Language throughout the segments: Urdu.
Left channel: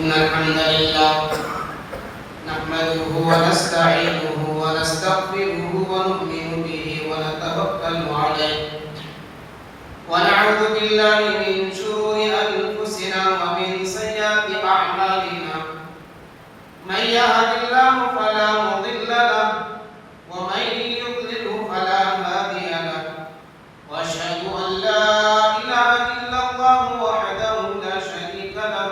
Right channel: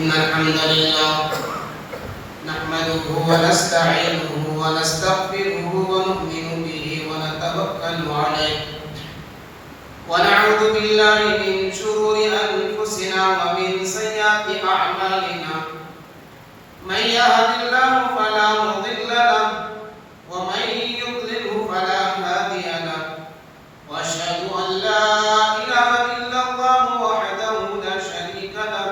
إن الحمد لله نحمده ونستعينه ونستغفره ونؤمن به ونتوكل عليه ونعوذ بالله من شرور أنفسنا ومن سيئات أعمالنا من يهد الله فلا مضل له ومن يضلله فلا هادي له وأشهد أن لا إله إلا الله وحده لا شريك له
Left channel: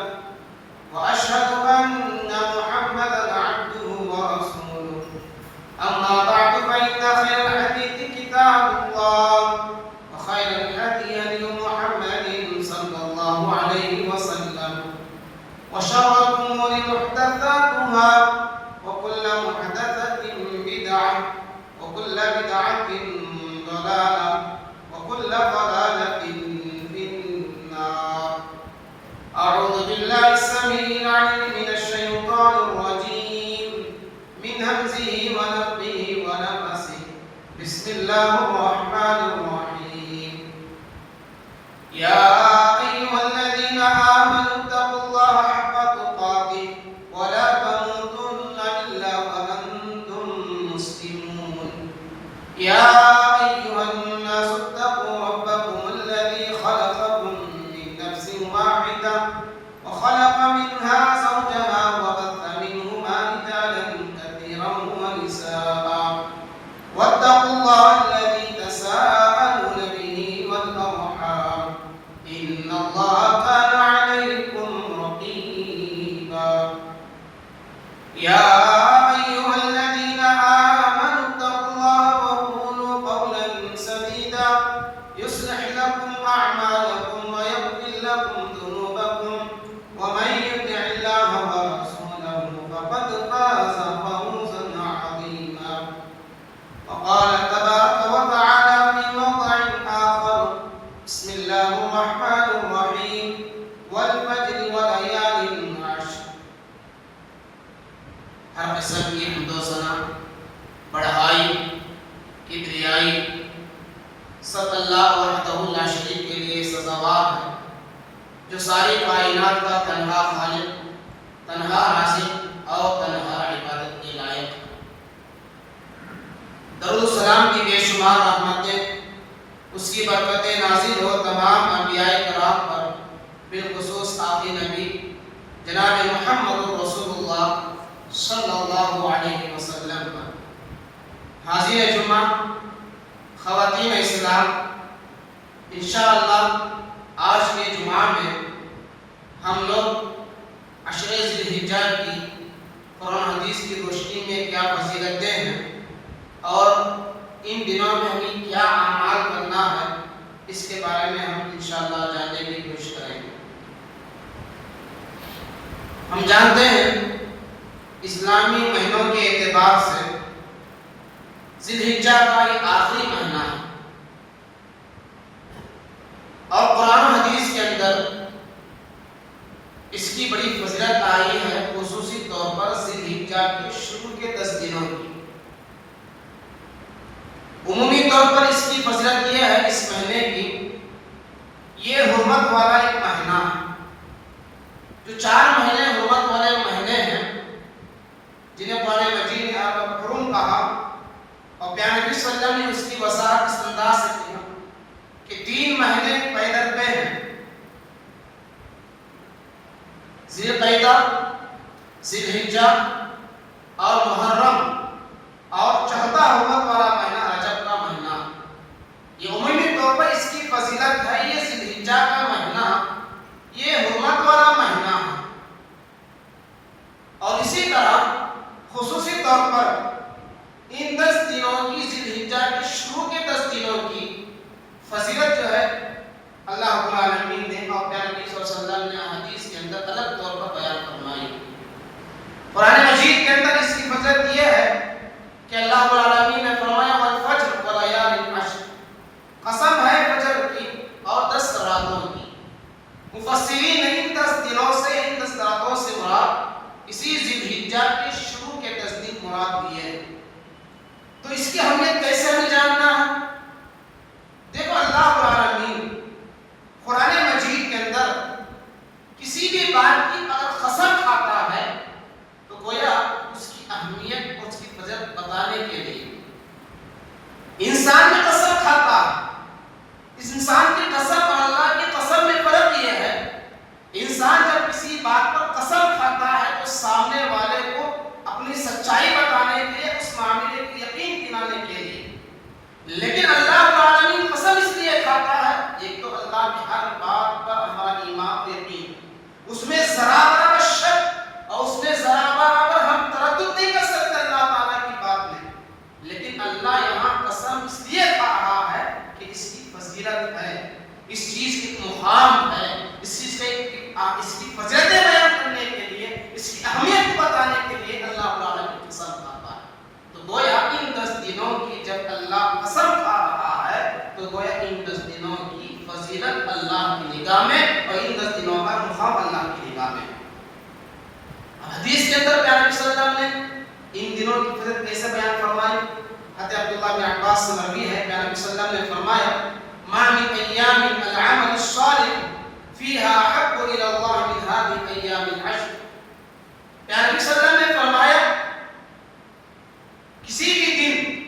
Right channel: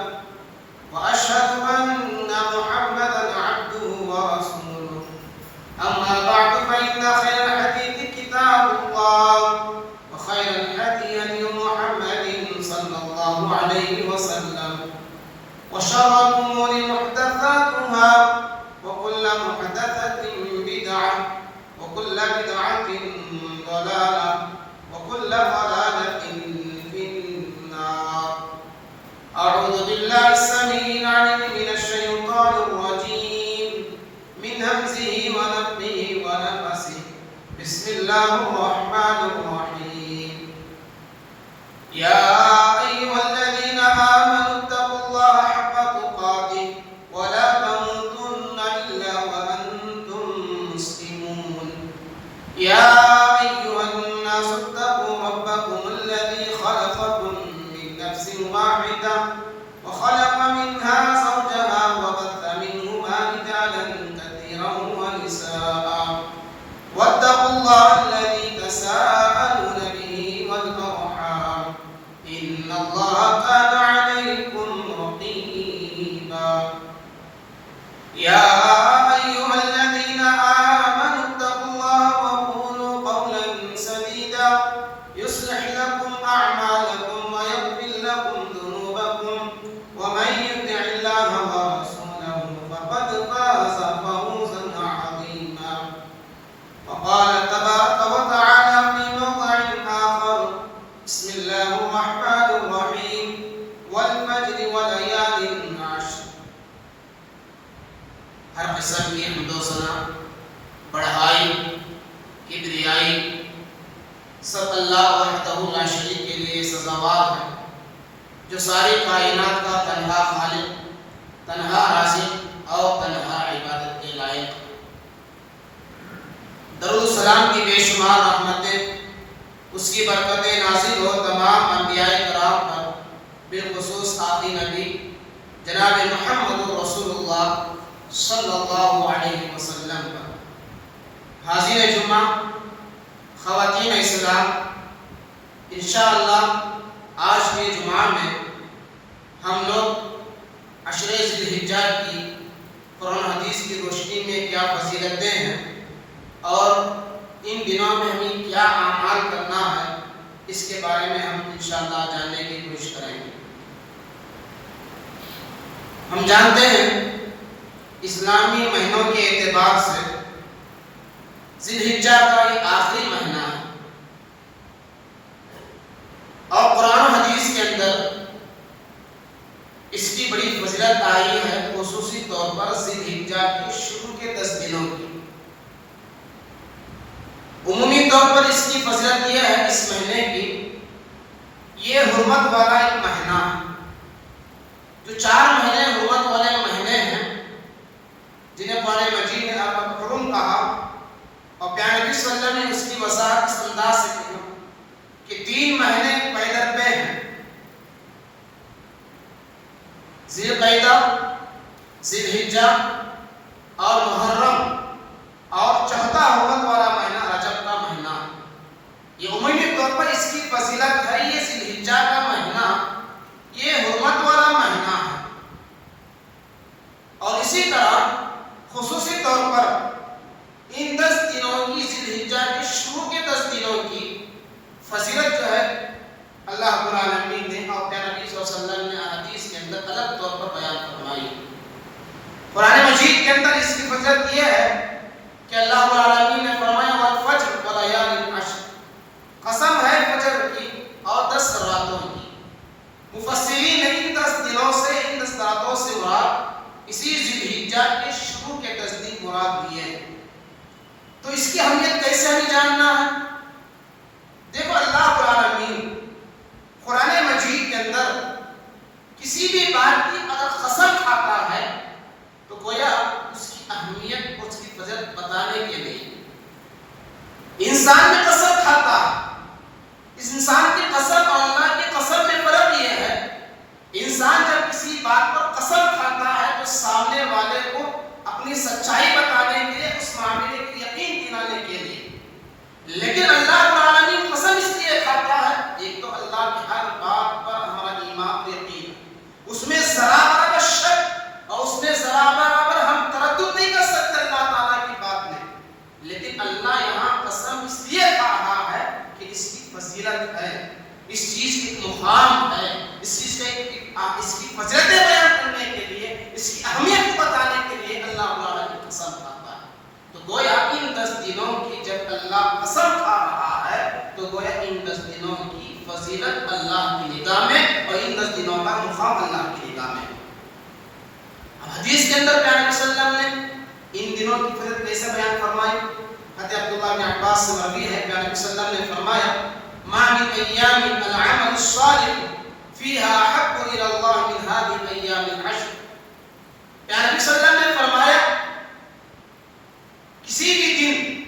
وأشهد أن محمدا عبده ورسوله أما بعد فإن خير الحديث كتاب الله وخير الهدي هدي محمد صلى الله عليه وسلم وشر الأمور محدثاتها وكل محدثة بدعة وكل بدعة ضلالة وكل ضلالة في النار. أعوذ بالله السميع العليم من الشيطان الرجيم من همزه ونفخه ونفثه. بسم الله الرحمن الرحيم. يا أيها الذين آمنوا اتقوا الله حق تقاته ولا تموتن إلا وأنتم مسلمون. يا أيها الناس اتقوا ربكم الذي خلقكم من نفس واحدة وخلق منها زوجها وبث منهما رجالا كثيرا ونساء واتقوا الله الذي تساءلون به والأرحام إن الله كان عليكم رقيبا. يا أيها الذين آمنوا اتقوا الله وقولوا قولا سديدا يصلح لكم أعمالكم ويغفر لكم ذنوبكم ومن يطع الله ورسوله فقد فاز فوزا عظيما. وقال تبارك وتعالى في موضع آخر بسم الله الرحمن الرحيم والفجر وليال عشر. ہر قسم کی حمد و ثنا بڑائی کبریائی سب اللہ وحدہ لا شریک کے لیے سزاوار ہے جو ساری کائنات کا تنہا خالق تنہا رازق اور تنہا عبادت کے لائق ہے. درود السلام کی بے شمار رحمتیں اس کی برکتیں نازل ہو تمام انبیاء کرام پر بالخصوص آخری نبی جناب محمد رسول اللہ صلی اللہ علیہ وسلم پر. حاضر جمعہ خواتین اسلام انشاءاللہ آج کے جمعہ میں ہم لوگ عشر ذی الحجہ کی قرآن حدیث کی روشنی میں کیا فضیلتیں ہیں اور ان دنوں میں ہمیں کیا اعمال کرنا ہے اس کے بارے میں ہم انشاءاللہ جاننے کی کوشش کریں گے. ہم جانتے ہیں اسلامی مہینوں کے اعتبار سے ذی الحجہ کا یہ آخری مہینہ ہے اور قرآن و حدیث کے اندر اس کی بڑی فضیلت آئی ہے خصوصی طور پر ذی الحجہ کے شروع کے 10 دنوں کی. عمومی طور پر اس کی فضیلت یہ ہے اس مہینے کی یہ حرمت والا ایک مہینہ ہے. جو 4 مہینے حرمت والے مہینے ہیں جنہیں قرآن مجید نے حرم کہا اور پیارے نبی صلی اللہ علیہ وسلم نے اس کی وضاحت اس انداز سے کی کہ 3 مہینے پیدر پہ ہیں ذی القعدہ ذی الحجہ اور محرم اور چوتھا حرمت والا مہینہ رجب کا مہینہ. یہ عمومی طور پر اس کی فضیلت ہے. یہ ذی الحجہ کا مہینہ یہ حرمت والا مہینہ ہے اور اسی طرح خصوصی طور پر ان 10 دنوں کی ذی الحجہ کے شروع کے 10 دنوں کی فضیلت جو ہے اللہ رب العالمین نے اور پیارے نبی صلی اللہ علیہ وسلم نے حدیث کے اندر الگ طور پر بیان فرمائی. قرآن مجید کے اندر اس کی فضیلت یہ ہے کہ اللہ رب العالمین نے فرمایا والفجر ولیال عشر. قسم ہے فجر کی اور 10 راتوں کی. مفسرین نے ان 10 دنوں سے ان 10 راتوں سے مراد اسی ذی الحجہ کے شروع کے 10 دن مراد لیے ہیں. تو اس کی اہمیت کیسے ہمیں جاننا ہے؟ دیکھو اللہ رب العالمین قرآن مجید کے اندر کسی بھی بات کی اگر قسم اس چیز کی ایک مقام ہے، اس چیز کا اس کی فضیلتیں بیان کرنے کے لیے، اس کی اہمیت کو بتانے کے لیے اللہ تعالیٰ کی قسم کھاتا ہے۔ تو گویا ان 10 دنوں کی جب اللہ قسم کھا رہا ہے تو گویا ان 10 دنوں کی فضیلت اللہ کی نگاہ میں اور ان 10 دنوں کا مقام اللہ کی نگاہ میں۔ حدیث کے اندر پیارے صلی اللہ علیہ وسلم نے ان دنوں کی فضیلت کیسے بیان فرمائی؟ حضرت عبداللہ بن عباس سے مروی ہے، پیارے صلی اللہ علیہ وسلم نے فرمایا ما من ایام العمل الصالح فیہا حق الی اللہ من هذه ایام العشر۔ پیارے صلی اللہ علیہ وسلم نے فرمایا کسی بھی دن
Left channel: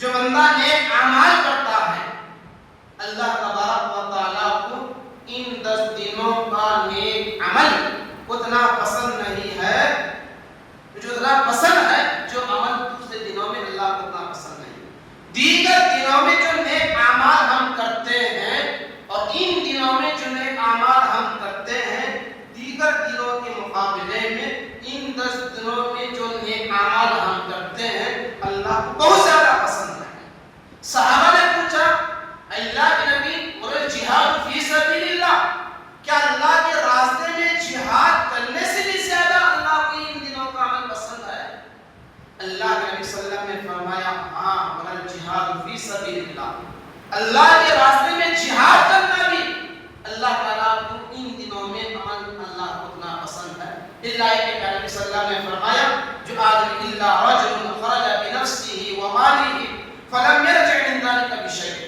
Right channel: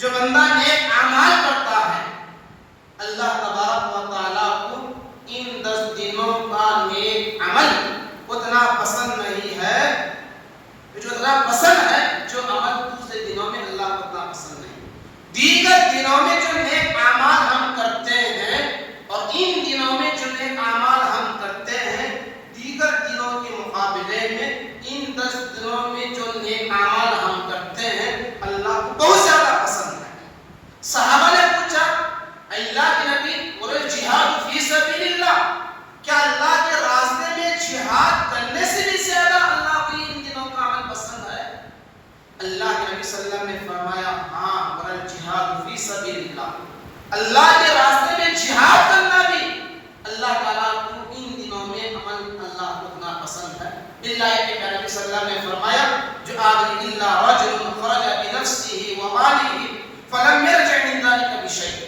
جو بندہ نیک اعمال کرتا ہے اللہ تبارک و تعالیٰ کو ان 10 دنوں کا نیک عمل اتنا پسند نہیں ہے، جو اتنا پسند ہے جو عمل دوسرے دنوں میں اللہ کو اتنا پسند نہیں۔ دیگر دنوں میں جو نیک اعمال ہم کرتے ہیں اور ان دنوں میں جو نیک اعمال ہم کرتے ہیں دیگر دنوں کے مقابلے میں ان 10 دنوں میں جو نیک اعمال ہم کرتے ہیں اللہ کو بہت زیادہ پسند ہے۔ صحابہ نے پوچھا اللہ کے نبی اور جہاد فی سبیل اللہ، کیا اللہ کے راستے میں جہاد کرنے سے بھی زیادہ اللہ کو ان دنوں کا عمل پسند ہے؟ اللہ کے نبی صلی اللہ علیہ وسلم نے فرمایا ہاں ورل جہاد فی سبیل اللہ، اللہ کے راستے میں جہاد کرنا بھی اللہ تعالیٰ کو ان دنوں میں عمل اللہ کو اتنا پسند ہے۔ اللہ کے نبی صلی اللہ علیہ وسلم نے فرمایا جو آدمی اللہ رجل خرج بنفسه وماله فلم يرجع من ذلك بشيء،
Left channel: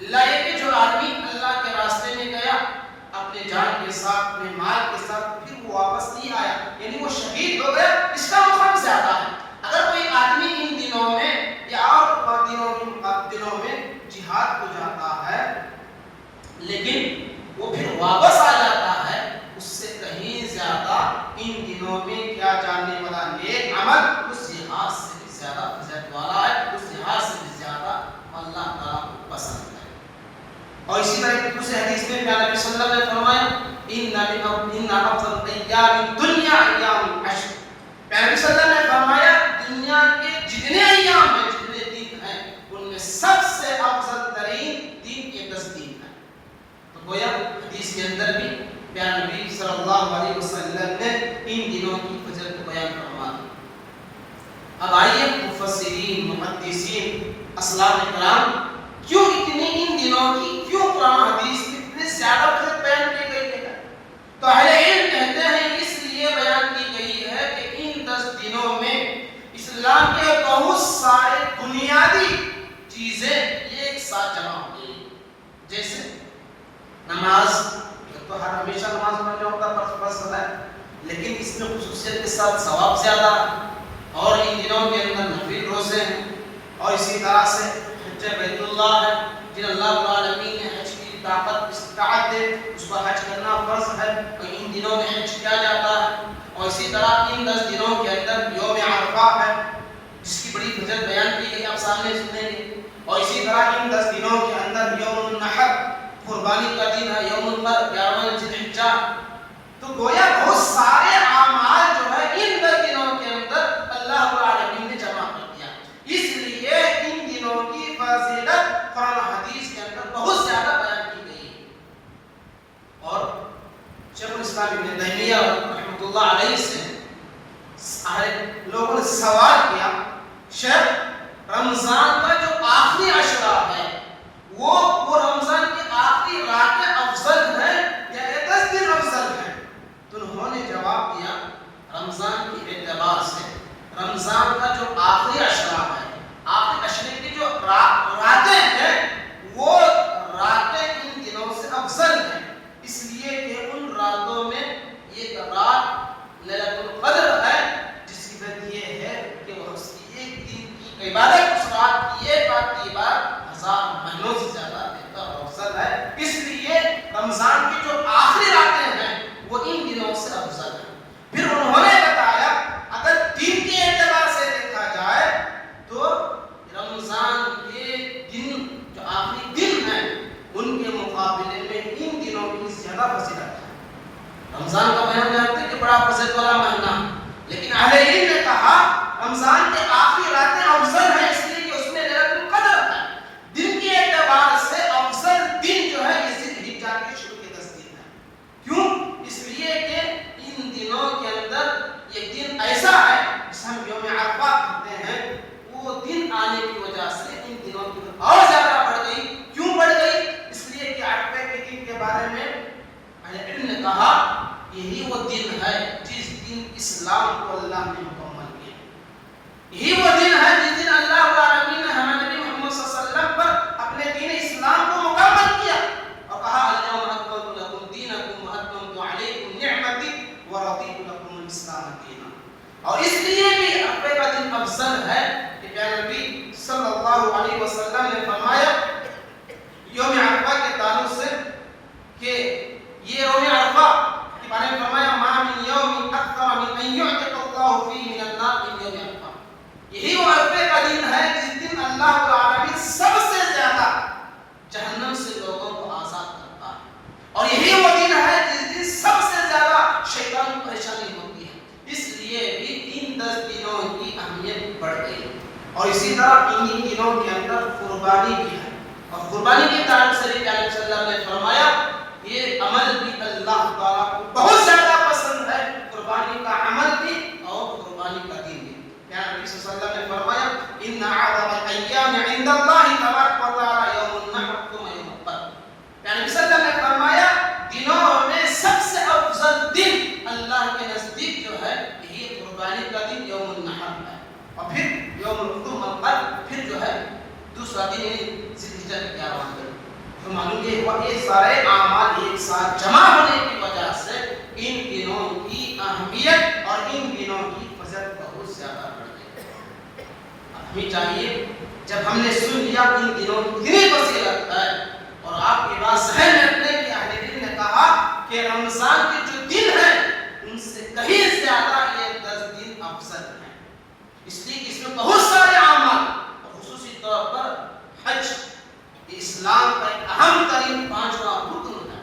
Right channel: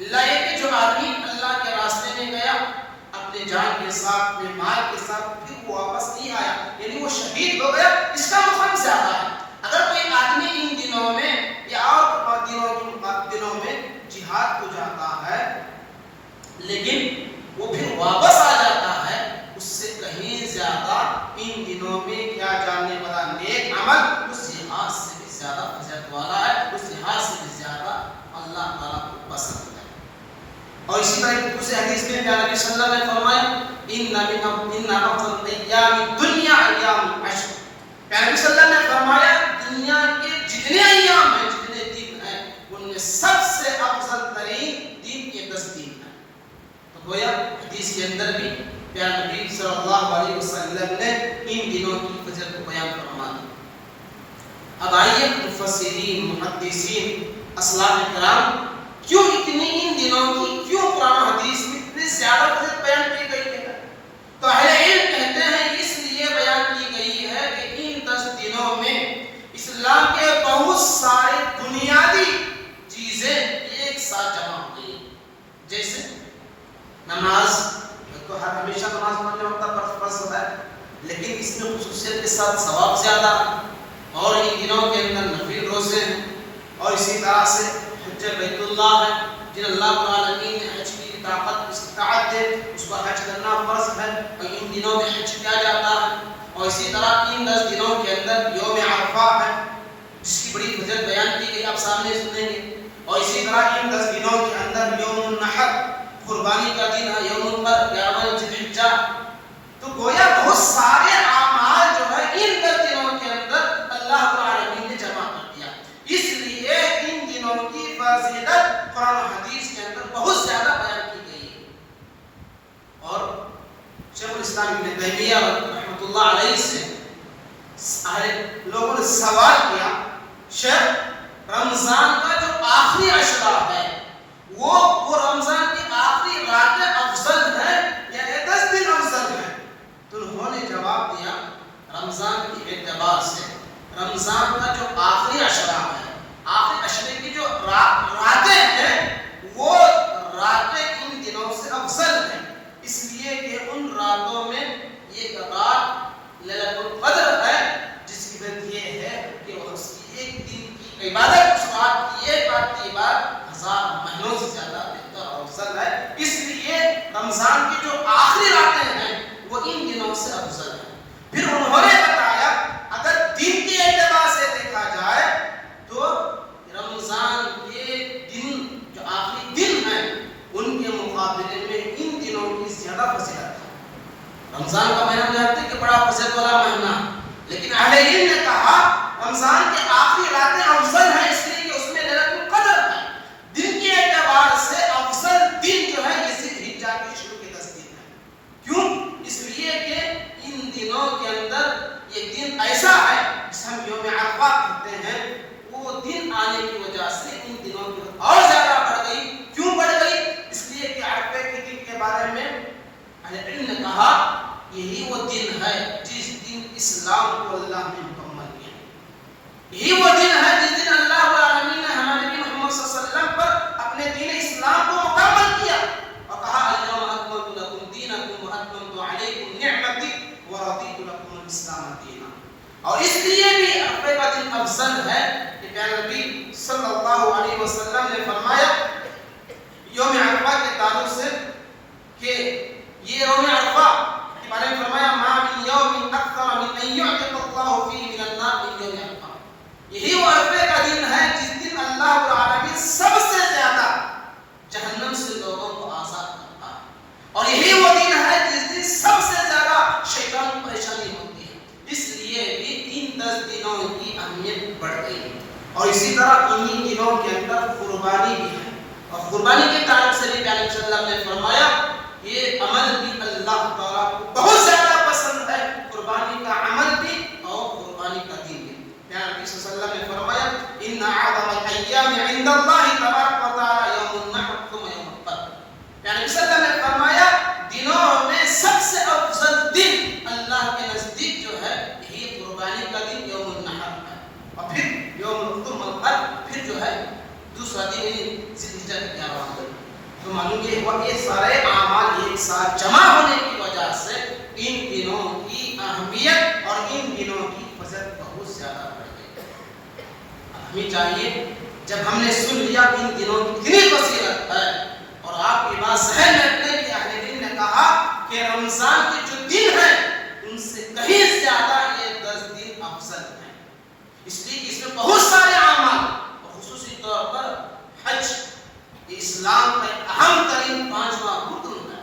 اللہ یہ کہ جو آدمی اللہ کے راستے میں گیا اپنے جان کے ساتھ اپنے مال کے ساتھ پھر وہ واپس نہیں آیا، یعنی وہ شہید ہو گیا، اس کا مقام زیادہ ہے۔ اگر کوئی آدمی ان دنوں میں یا اور دنوں میں جہاد کو جاتا ہے لیکن وہ پھر واپس آ جاتا ہے، اس سے کہیں زیادہ ان دنوں میں کیا جانے والا نیک عمل اس لحاظ سے بھی زیادہ فضیلت والا ہے، اس لحاظ سے بھی زیادہ اللہ تعالیٰ کو پسند ہے۔ اور اسی طرح دوسرے حدیث میں پیارے نبی صلی اللہ علیہ وسلم نے فرمایا ان افضل ایام الدنیا ایام العشر۔ پیارے نبی صلی اللہ علیہ وسلم نے فرمایا دنیا کے جتنے ایام ہیں جتنے دن ہیں ان میں سب سے افضل ترین دن یہ 10 دن ہیں۔ تو گویا حدیث کے اندر بھی پیارے نبی صلی اللہ علیہ وسلم نے ان دنوں کی فضیلت کو بیان فرما دیا۔ اب آئیے مفسرین محدثین اسلاف کرام کیوں اتنی ان دنوں کی کیوں قرآن حدیث میں اتنے زیادہ فضیلت بیان کی گئی ہے؟ تو اہل علم کہتے ہیں اس لیے بیان کی گئی ہے کہ ان 10 دنوں میں اسلام کے بہت سارے بنیادی چیزیں ایک ساتھ جمع ہو گئی، جیسے نماز تو ہر ہمیشہ نماز پڑھنے ہوتا ہے فرض ہوتا ہے، لیکن اس میں خصوصیت کے ساتھ ثواب زیادہ ہے، اور ان دنوں کے اندر نفل روزے ہیں، اور اسی طرح سے حج بیت اللہ ہے جن اللہ رب العالمین نے حج کی طاقت استطاعت دے اس کو حج کرنا فرض ہے اور ان دنوں میں حج کیا جاتا ہے۔ اور اسی طرح ان 10 دنوں کے اندر یوم عرفہ ہے جس کی بڑی فضیلت بیان کی گئی، آپ سامنے سنیں گے۔ اور اسی طرح ان 10 دنوں کے اندر یوم النحر قربانی کا دن ہے، یوم الفطر 11 ذی الحجہ۔ تو گویا بہت سارے اعمال جو ہے ان 10 دنوں کے اندر اللہ رب العالمین نے جمع کر دیا، اس لیے ان دنوں کی فضیلت قرآن و حدیث کے اندر بہت زیادہ بیان کی گئی ہے۔ اور شیخ الاسلام ابن تیمیہ رحمۃ اللہ علیہ سے لوگوں نے سوال کیا شیخ رمضان کا جو آخری عشرہ ہے وہ رمضان کی آخری راتیں افضل ہیں یا 10 دن افضل ہیں؟ تو انہوں نے جواب دیا رمضان کے اعتبار سے رمضان کا جو آخری عشرہ ہے، آخری عشرے کی جو راتیں ہیں وہ راتیں ان دنوں سے افضل ہیں، اس لیے کہ ان راتوں میں ایک رات لیلۃ القدر ہے جس کی وجہ یہ ہے کہ وہ اس کی ایک دن کی عبادت اس رات کی ایک رات کی عبادت 1000 مہینوں سے زیادہ بہتر اور افضل ہے، اس لیے رمضان کی جو آخری راتیں ہیں وہ ان دنوں سے افضل ہیں۔ پھر انہوں نے بتایا اگر دن کے اعتبار سے دیکھا جائے تو رمضان کے دن جو آخری دن ہیں ان کے مقابلے میں ان دنوں کی زیادہ فضیلت ہے۔ رمضان کا مہینہ جانتے ہیں کہ بڑا فضیلت والا مہینہ، لیکن اہل علم نے کہا رمضان کے آخری راتیں افضل ہیں اس لیے کہ اس میں لیلۃ القدر ہے۔ دن کے اعتبار سے افضل دن جو ہے یہ ذی بارے میں اہل علم نے کہا یہی وہ دن ہے جس دن اسلام کو اللہ نے مکمل کیا. یہی وہ دن ہے جس دن اللہ رب العالمین نے ہمارے نبی محمد صلی اللہ علیہ وسلم پر اپنے دین اسلام کو مکمل کیا اور کہا اليوم اکملت لکم دینکم واتممت علیکم نعمتی ورضیت لکم الاسلام دینا. اور اس لیے بھی عرفے کا دن افضل ہے کہ پیارے نبی صلی اللہ علیہ وسلم نے فرمایا یوم عرفہ کے تعلق سے کہ یہ یوم عرفہ کے بارے میں فرمایا ما من یوم اکثر من ان یعتق اللہ فیہ من النار من یوم عرفہ. یہی وہ عرفے کا دن ہے جس دن اللہ رب العالمین سب سے زیادہ جہنم سے لوگوں کو آزاد کرتا ہے. اور یہی وہ دن ہے جس دن سب سے زیادہ شیطان کو پریشانی ہوتی ہے. اس لیے بھی 10 دنوں کی اہمیت بڑھ گئی. اور اسی طرح انہی دنوں کے اندر قربانی بھی ہے. اور قربانی کے تعلق سے بھی پیارے صلی اللہ علیہ وسلم نے فرمایا یہ عمل بھی اللہ تعالیٰ کو بہت زیادہ پسند ہے. قربانی کا عمل بھی اور قربانی کا دین بھی. پیارے نبی صلی اللہ علیہ وسلم نے فرمایا ان اعظم الایام عند اللہ تبارک و تعالی یوم النحر ثم یوم القدر. پیارے نبی صلی اللہ علیہ وسلم نے فرمایا دنوں میں سب سے افضل دن اللہ کے نزدیک جو ہے یہی قربانی کا دن یوم النحر ہے. اور پھر یوم القدر پھر جو ہے دوسرا دن ذی الحجہ کا 11واں دن. تو معلوم یہ سارے اعمال ایک ساتھ جمع ہونے کی وجہ سے ان دنوں کی اہمیت اور ان دنوں کی فضیلت بہت زیادہ بڑھ گئی. ہمیں چاہیے جب ہم نے سن لیا ان دنوں کی کتنی فضیلت ہے اور آپ کی بات ذہن میں رکھنے کی اہل علم نے کہا کہ رمضان کے جو دن ہیں ان سے کہیں زیادہ یہ 10 دن افضل ہیں. اس لیے اس میں بہت سارے اعمال اور خصوصی طور پر حج اسلام کا ایک اہم ترین 5واں رکن ہے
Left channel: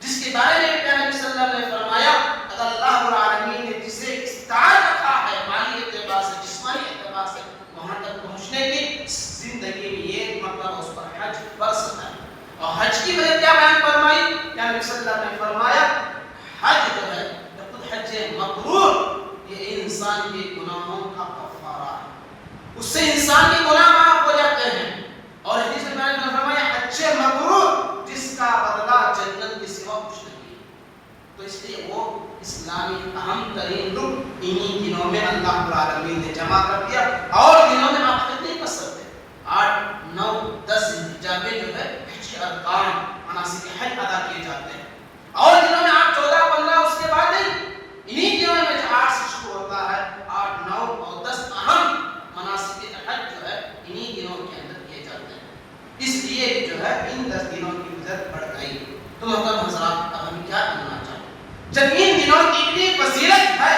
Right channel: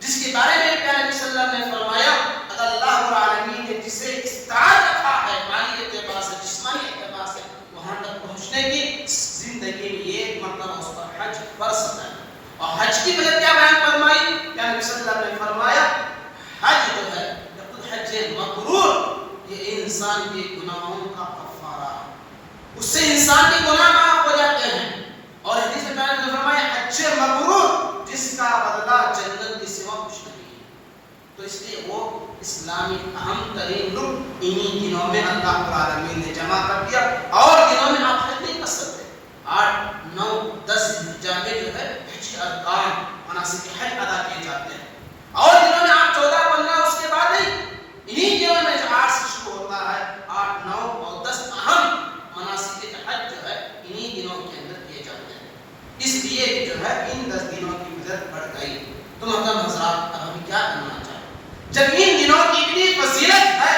جس کے بارے میں پیارے نبی صلی اللہ علیہ وسلم نے فرمایا اگر اللہ رب العالمین نے جسے استطاعت رکھا ہے مالی اعتبار سے جسمانی اعتبار سے وہاں تک پہنچنے کی زندگی میں یہ مطلب اس پر حج فرض ہے. اور حج کی وجہ کیا بیان فرمائی پیارے نبی صلی اللہ علیہ وسلم نے فرمایا حج جو ہے حج مبرور یہ انسان کے گناہوں کا کفارہ ہے. اس سے انسان کے گناہ معاف ہو جاتے ہیں. اور حدیث میں نے فرمایا حج مبرور جس کا بدلہ جنت کے سوا کچھ نہیں ہے. تو اس لیے وہ اسلامی اہم ترین رکن انہی دنوں میں اللہ رب العالمین نے جمع کر دیا. اور دنوں میں آپ حج نہیں کر سکتے. 8 9 10 ذوالحجہ میں جو ہے حج کے ارکان مناسک حج ادا کیے جاتے ہیں. اور دنوں میں آپ 14 15 اس کے بعد نہیں. انہی دنوں میں جو 8 سے شروع ہوتا ہے 8 9 اور 10 اہم مناسک حج جو ہے انہی دنوں کے اندر کیے جاتے ہیں. اس لیے جو ہے ان 10 دنوں کی فضیلت بڑھ گئی. تو محترم حضرات اب ہم کیا کرنا چاہتے ہیں جب ان دنوں کی اتنی فضیلت ہے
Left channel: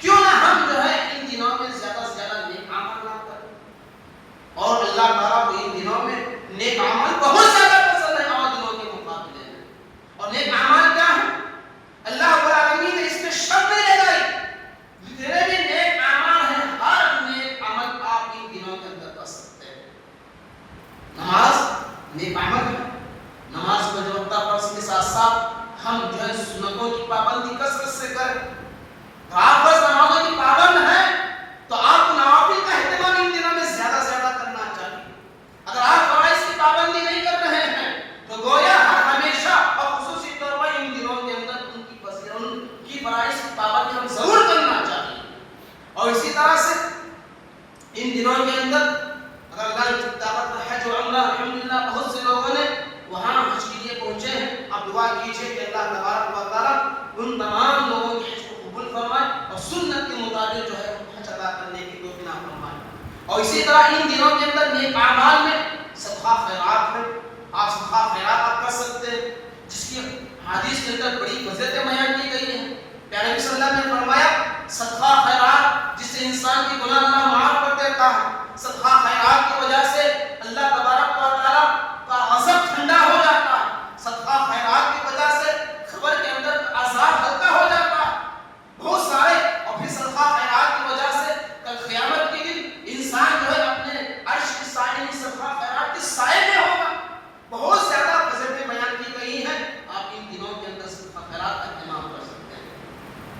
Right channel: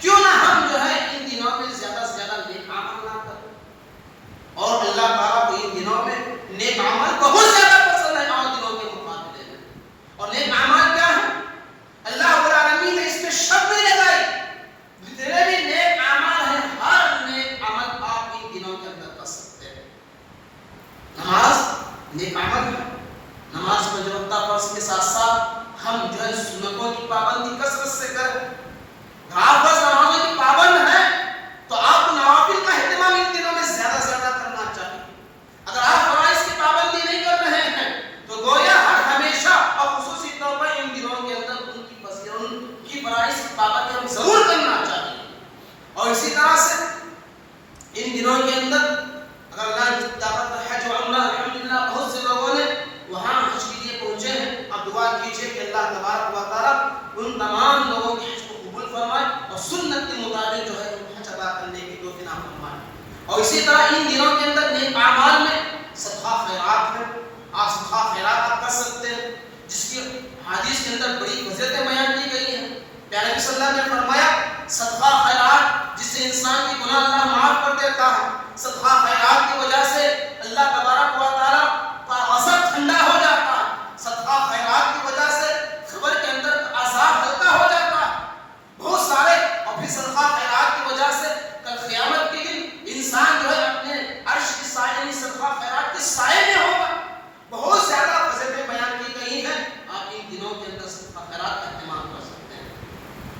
کیوں نہ ہم جو ہے ان دنوں میں زیادہ سے زیادہ نیک عمل نہ کریں. اور اللہ تعالیٰ کو ان دنوں میں نیک عمل بہت زیادہ پسند ہے اور دنوں کے مقابلے میں. اور نیک عمل کیا ہے اللہ رب العالمین نے اس میں شرط نہیں لگائی. جتنے بھی نیک عمل ہیں ہر نیک عمل آپ ان دنوں کے اندر کر سکتے ہیں. نماز نیک عمل ہے. نماز کو جو وقت فرض کے ساتھ ساتھ ہم جو ہے سنتوں کی پابندی کثرت سے کریں. آپ بس نمازوں کی پابند ہیں تو آپ نوافل کا اہتمام ان دنوں میں زیادہ سے زیادہ کرنا چاہیے. اگر آپ فرائض کی پابندی نہیں کر رہے ہیں تو گویا ہر ہمیشہ اور خصوصی طور پر ان دنوں کے اندر ان کی فرائض کی پابندی ہم ضرور کرنا چاہیے. اور اسی طرح سے ان دنوں کے اندر اگر اللہ نے دعوت حج و عمرہ الحمدللہ بہت سے لوگوں نے وہاں حج کے لیے پہنچے ہیں. اب دعا کیجیے کہ اللہ تبارک و تعالیٰ ان تمام لوگوں کی حج کو قبول فرمائے اور سنت کے مطابق جو ہے حج ادا کرنے کی توفیق عطا فرمائے. اور اسی طرح ان دنوں کے اندر نیک اعمال میں صدقہ خیرات ہے. آپ صدقہ خیرات آپ کر سکتے ہیں جس کی حدیث کے اندر بڑی فضیلتیں بیان کی گئی ہیں. پیارے نبی صلی اللہ علیہ وسلم نے فرمایا صدقہ خیرات جس سے انسان کی گناہ اللہ معاف کر دیتا ہے. صدقہ خیرات کی وجہ سے اللہ تبارک و تعالیٰ کا غضب ٹھنڈا ہو جاتا ہے. صدقہ خیرات کی وجہ سے قبر کے اندر عذاب ہلکا ہو جاتا ہے. بہت سارے اور پھر صدقہ خیرات کی وجہ سے کل قیامت کے دن انسان جو ہے اپنے عرش کے سائے یعنی صدقہ خیرات کے سائے میں ہوگا. بہت زیادہ فضیلتیں بیان کی گئی ہیں. آپ ان دنوں کے اندر صدقہ خیرات کا اہتمام کر سکتے ہیں.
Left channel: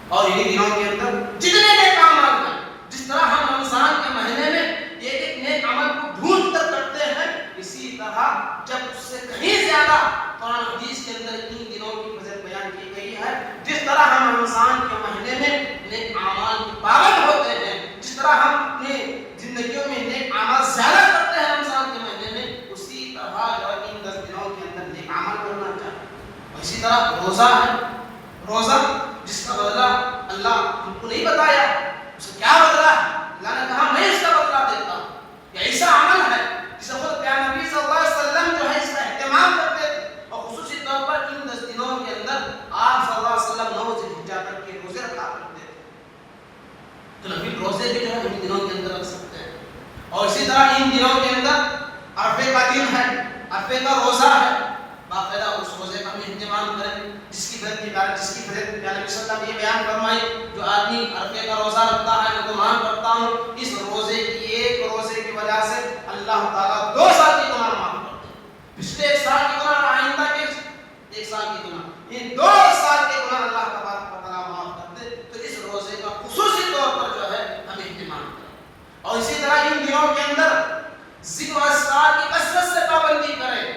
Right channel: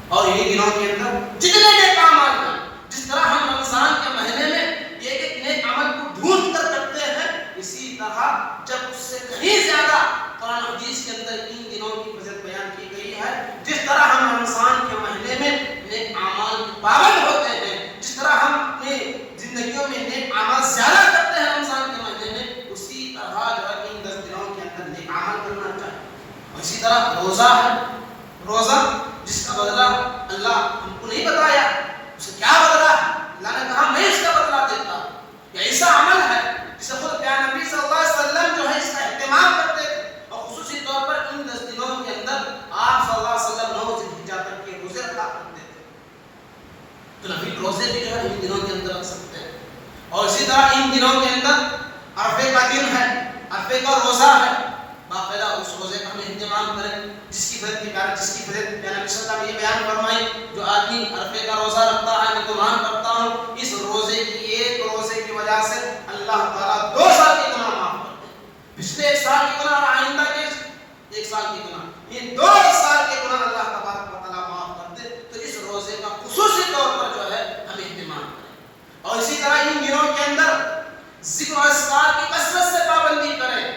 اور یہ دنوں کے اندر جتنے نیک اعمال ہیں جس طرح ہم رمضان کے مہینے میں ایک نیک عمل کو ڈھونڈ کر کرتے ہیں اسی طرح جب اس سے کہیں زیادہ قرآن حدیث کے اندر ان اور اسی طرح روزہ ہے، روزہ جس کا بدلہ اللہ ہم کو نہیں بتایا اسے کیا بدلہ ہے، اللہ نے کہا میں اس کا بدلہ دیتا ہوں. یہ ایسا عمل ہے جسے خود پیارے نبی صلی اللہ علیہ وسلم جو ہے اس کا اہتمام کرتے تھے، اور خصوصی طور پر ان 10 دنوں کے اندر آپ صلی اللہ علیہ وسلم 9 ذی الحجہ تک کے روزے رکھا کرتے تھے. تو نبی روزے بھی جو ہے ان دنوں کے اندر رکھ سکتے ہیں. اور اسی طرح ان دنوں کے اندر عرفے کا دن ہے، عرفے کا روزہ ہے، باقاعدہ اس روزے کا ہم اہتمام کریں جس کی فضیلت پیارے نبی صلی اللہ علیہ وسلم نے بیان فرمائی، جو آدمی عرفے کا روزہ رکھتا ہے میں گمان کرتا ہوں اس روزے کی ایک روزے کی وجہ سے اللہ تعالیٰ 2 سال کے گناہ معاف کرتے ہیں. پچھلے 1 سال کے گناہ اور آئندہ کے 1 سال کے گناہ، یہ 2 سال کے گناہ اللہ تبارک و تعالیٰ معاف کرتے. تو اس روزے کا خصوصی طور پر جو ہے ہم اہتمام کریں. اور اسی طرح ان دنوں کے اندر ذکر و اذکار کی کثرت سے پابندی کریں،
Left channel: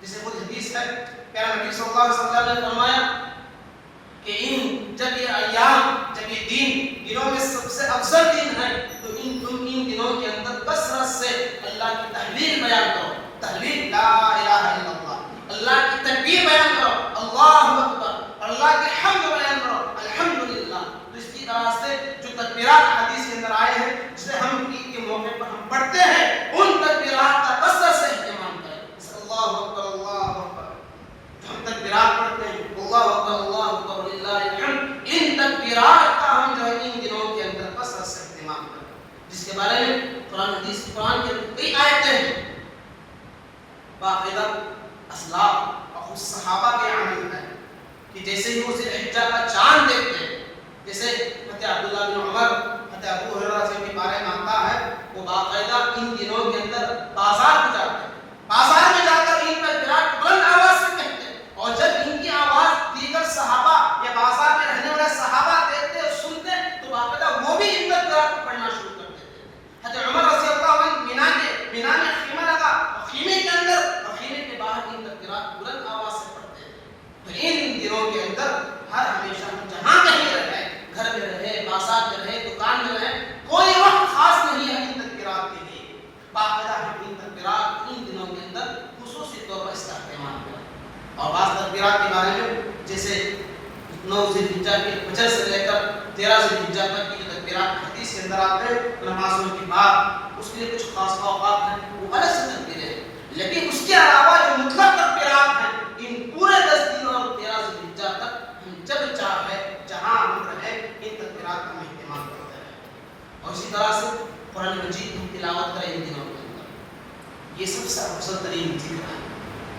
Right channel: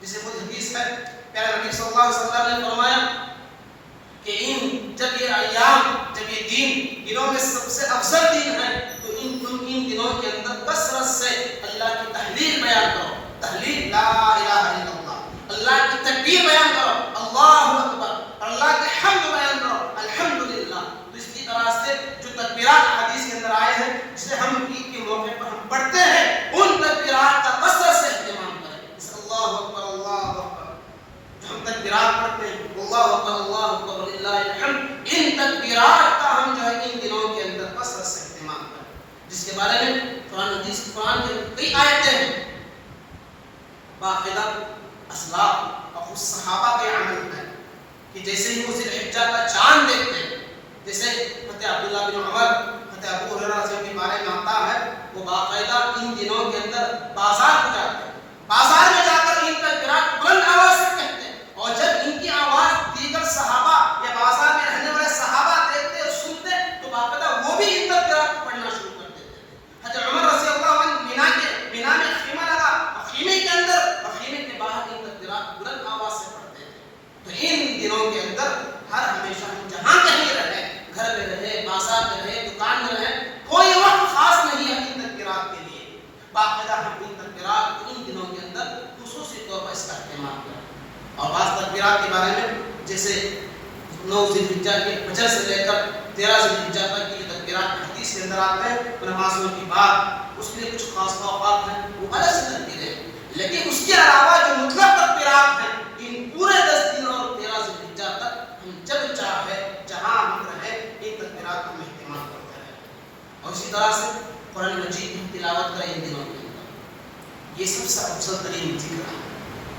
جسے خود حدیث ہے پیارے نبی صلی اللہ علیہ وسلم نے فرمایا کہ جب یہ ایام، جب یہ دنوں میں سب سے افضل دن ہے تو ان دنوں کے اندر کثرت سے اللہ کی تحلیل بیان کرو، تحلیل لا الہ الا اللہ، اللہ کی تکبیر بیان کرو اللہ اکبر، اللہ کے حمد بیان کرو الحمدللہ. تو اس کی طرح سے جو تکبیرات حدیث کے اندر آئے ہیں جسے ہم عید کے موقع پر ہم پڑھتے ہیں ان تکبیرات کا کثرت سے اہتمام کریں. اللہ اکبر اللہ اکبر جو ہم تکبیرات پڑھتے ہیں اللہ اکبر وللہ الحمد، ان تکبیرات کا ہم جو ہے ان دنوں کے اندر کثرت سے اہتمام کریں، جس کے بارے میں قرآن کے کئی آیتیں ہیں. باقاعدہ اسلاف اور صحابہ کے عمل ہے کہ جیسے ہی وہ ذی الحجہ کا چاند دیکھتے ہیں، جیسے حضرت عبداللہ بن عمر، حضرت ابو ہریرہ سے کے بارے میں آتا ہے وہ باقاعدہ ان دنوں کے اندر بازار کو جاتے ہیں، بازار میں جا کر ان تکبیرات بلند آواز سے کہتے ہیں، اور جب ان کی آواز دیگر صحابہ یا بازار میں رہنے والے صحابہ دیکھتے اور سنتے تو باقاعدہ وہ بھی ان تکبیرات کو پڑھنا شروع کر دیتے تھے. حضرت عمر رضی اللہ عنہ مینا میں خیمہ لگا اور خیمے کے اندر اور خیمے کے باہر ان تکبیرات بلند آواز سے پڑھتے تھے. تو ان دنوں کے اندر ہر ہمیشہ ہم جہاں کہیں رہے، گھر میں رہے، بازار میں رہے، دکان میں رہے، کوئی وقت خاص نہیں ہے ان تکبیرات کے لیے. باقاعدہ ہم ان تکبیرات ان دنوں کے اندر خصوصی طور پر اس کا اہتمام کریں. اور بعض تکبیرات کے بارے میں جیسے 9 ذی الحجہ کے فجر سے لے کر 13 ذی الحجہ تک کی جو تکبیرات حدیث کے اندر آتے ہیں نمازوں کے بعد اس کے لیے کچھ خاص اوقات ہیں وہ الگ سے تکبیریں ہیں، لیکن اس کے علاوہ جو مطلق تکبیرات ہیں ان پورے 10 دن اور 13 ذی الحجہ تک ہم جب چاہے جہاں ہم رہے ان تکبیرات کا اہتمام کرتے رہیں. اور اسی طرح سے قرآن مجید کی تلاوت کریں ان دنوں کے اندر، یہ سب سے افضل ترین ذکر ہے.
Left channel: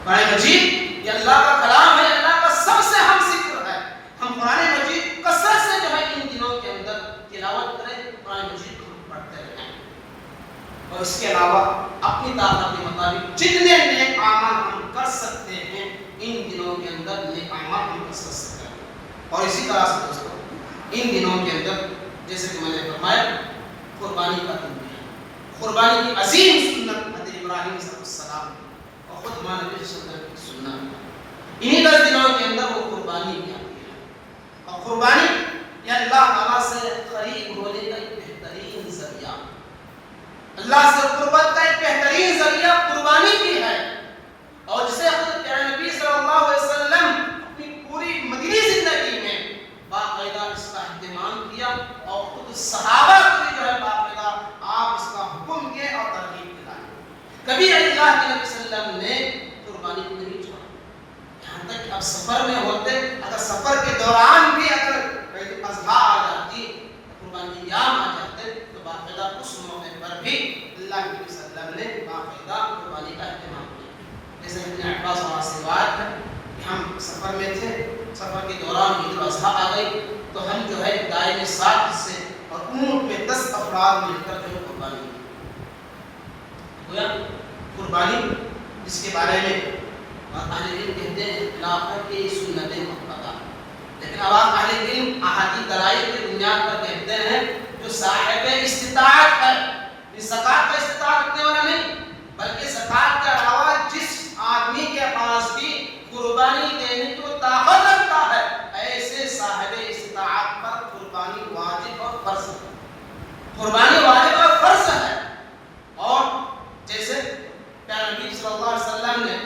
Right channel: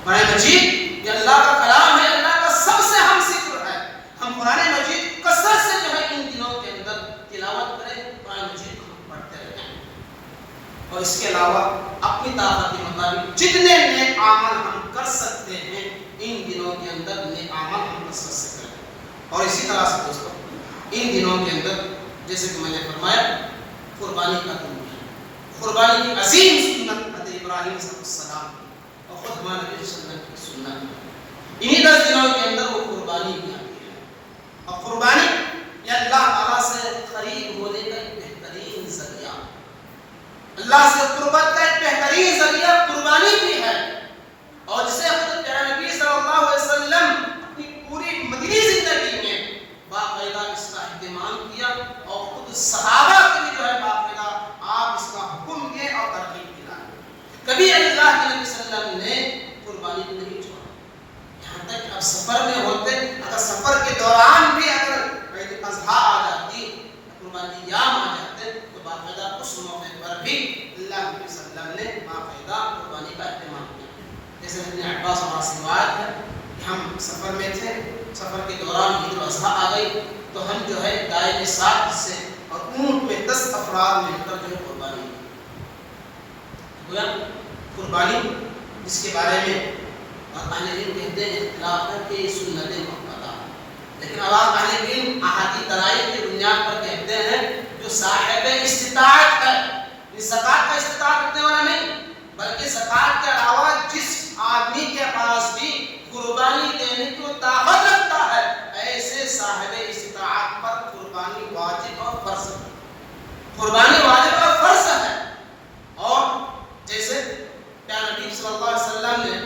قرآن مجید یہ اللہ کا کلام ہے، اللہ کا سب سے اہم ذکر ہے. ہم قرآن مجید کثرت سے جو ہے ان دنوں کے اندر تلاوت کریں، قرآن مجید کو ہم پڑھتے رہیں. اور اس کے علاوہ اپنی طاقت کے مطابق جتنے نیک اعمال ہم کر سکتے ہیں ان دنوں کے اندر نیک اعمال ہم کثرت سے کریں. اور اسی طرح سے دوستوں ان دنوں کے اندر جیسے کہ میں نے فرمایا قربانی کا دن ہے، قربانی کی عظیم سنت حضرت ابراہیم علیہ السلام اور خود ہمارے نبی صلی اللہ علیہ وسلم کی سنت ہے. انہی 10 دنوں کے اندر وہ قربانی کی آتی ہے. اور قربانی یہ اللہ تعالیٰ سے قریب ہونے کا ایک بہترین ذریعہ، اللہ سے قربت کا ایک بہترین ذریعہ قربانی بھی ہے. اور جسے خود پیارے نبی صلی اللہ علیہ وسلم اپنی پوری مدنی زندگی میں باقاعدہ اس کا اہتمام کیا اور خود صحابہ کو بھی جو ہے باقاعدہ آپ اس کا حکم دیے اور ترغیب دلائے. کبھی اللہ کے نبی صلی اللہ علیہ وسلم نے قربانی کو نہیں چھوڑا، یہاں تک کہ اب سفر میں ہوتے، اگر سفر کے دوران بھی اگر عید الاضحیٰ آ جاتی، قربانی ایام آ جاتے تو باقاعدہ اس موقع پر بھی اللہ کے نبی صلی اللہ علیہ وسلم نے باقاعدہ قربانی کا اہتمام کیا. جیسے ابن عباس سے روایت ہے کہ ہم سفر میں تھے، سفر کے دوران عید الاضحیٰ آ گئی تو ہم جو ہے گائے میں 7 حصے اور اونٹ میں 10 افراد مل کر جو ہے قربانی کی. گویا قربانی جس کے بارے میں اہل علم کہتے ہیں اختلاف ہے کہ یہ سنت مؤکدہ، لیکن اب اہل علم احادیث دلائل کی بنیاد پر کہتے ہیں جو صاحب استطاعت ہے، یہ زکات کا استطاعت رکھنے والا نہیں بلکہ زکات کے علاوہ جس آدمی کے پاس بھی قربانی دینے کو طاقت رکھتا ہے ایسے صاحب استطاعت پر قربانی واجب اور فرض ہے. قربانی واجب اور فرض ہے. اور جیسے پیارے نبی صلی اللہ علیہ وسلم نے